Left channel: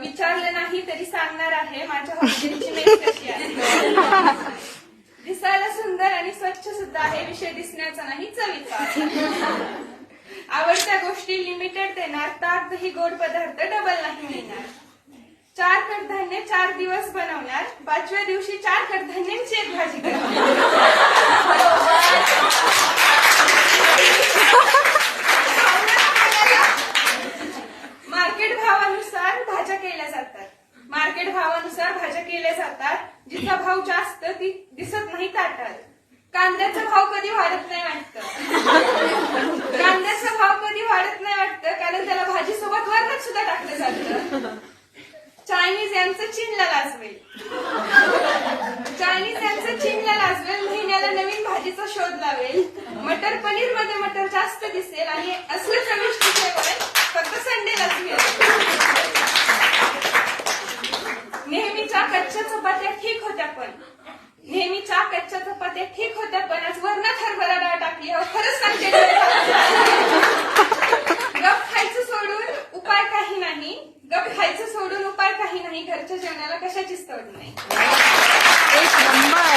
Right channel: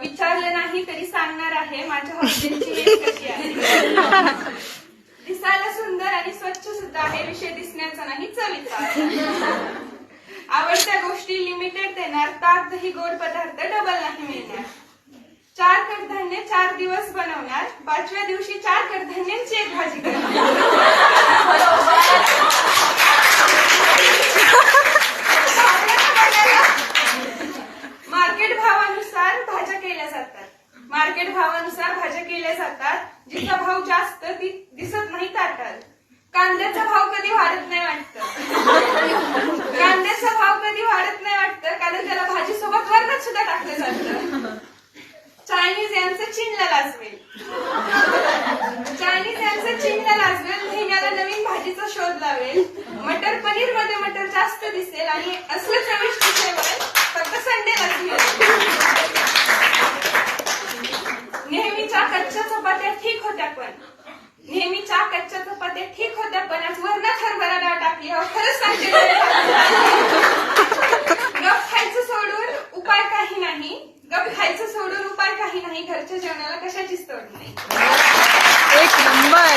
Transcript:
विचारलं नाही तरी सांगणार आहे माझ्या हॉस्टेलची मेस कशी आहे. दिसायला सुंदर आणि स्वच्छ सुद्धा आहे. विषय दिसण्याचा नाही, चवीचा. आवडत्या गोष्टी लिमिटेड देणार. ताक दही गोड पदार्थ डबल नाही मिळणार. 4 कडधान्य 4 दिवस बनवणार. 5व्या दिवशी 4 कडधान्यांची एक भाजी करणार. मार्केट भावानुसार भाज्या केल्या जातात. मार्केट भावानुसार भाज्या केल्या जातात. जिचा भाव जास्त ती दिसत नाही ताटात. कांद्याचा भाव कधी वाढत नाही वाटतं. कांद्याचा भाव कधी वाढत नाही वाटतं कारण त्याला भाजीसोबत वरणात सुद्धा टाकलं जातं. चायनीज यांचं चीनला लाजवेल. चायनीज यांचं चीनला लाजवेल. महिन्याला नवीन भाजीचा शोध लावेल. मटर पनीर मध्ये मटर जास्त दिसेल आणि असलं चविष्ट जेवण फक्त संडेलाच मिळेल. नेहमीच्या कच्च्या चपात्या ठीक होत्या पण आज वरणात हरभरा डाळ टाकली. खरंच सांगते गप खायचं सोडून उपाय काही नाही. घरच्या जेवणाला कशाचीच तोड नाही. एक नंबर.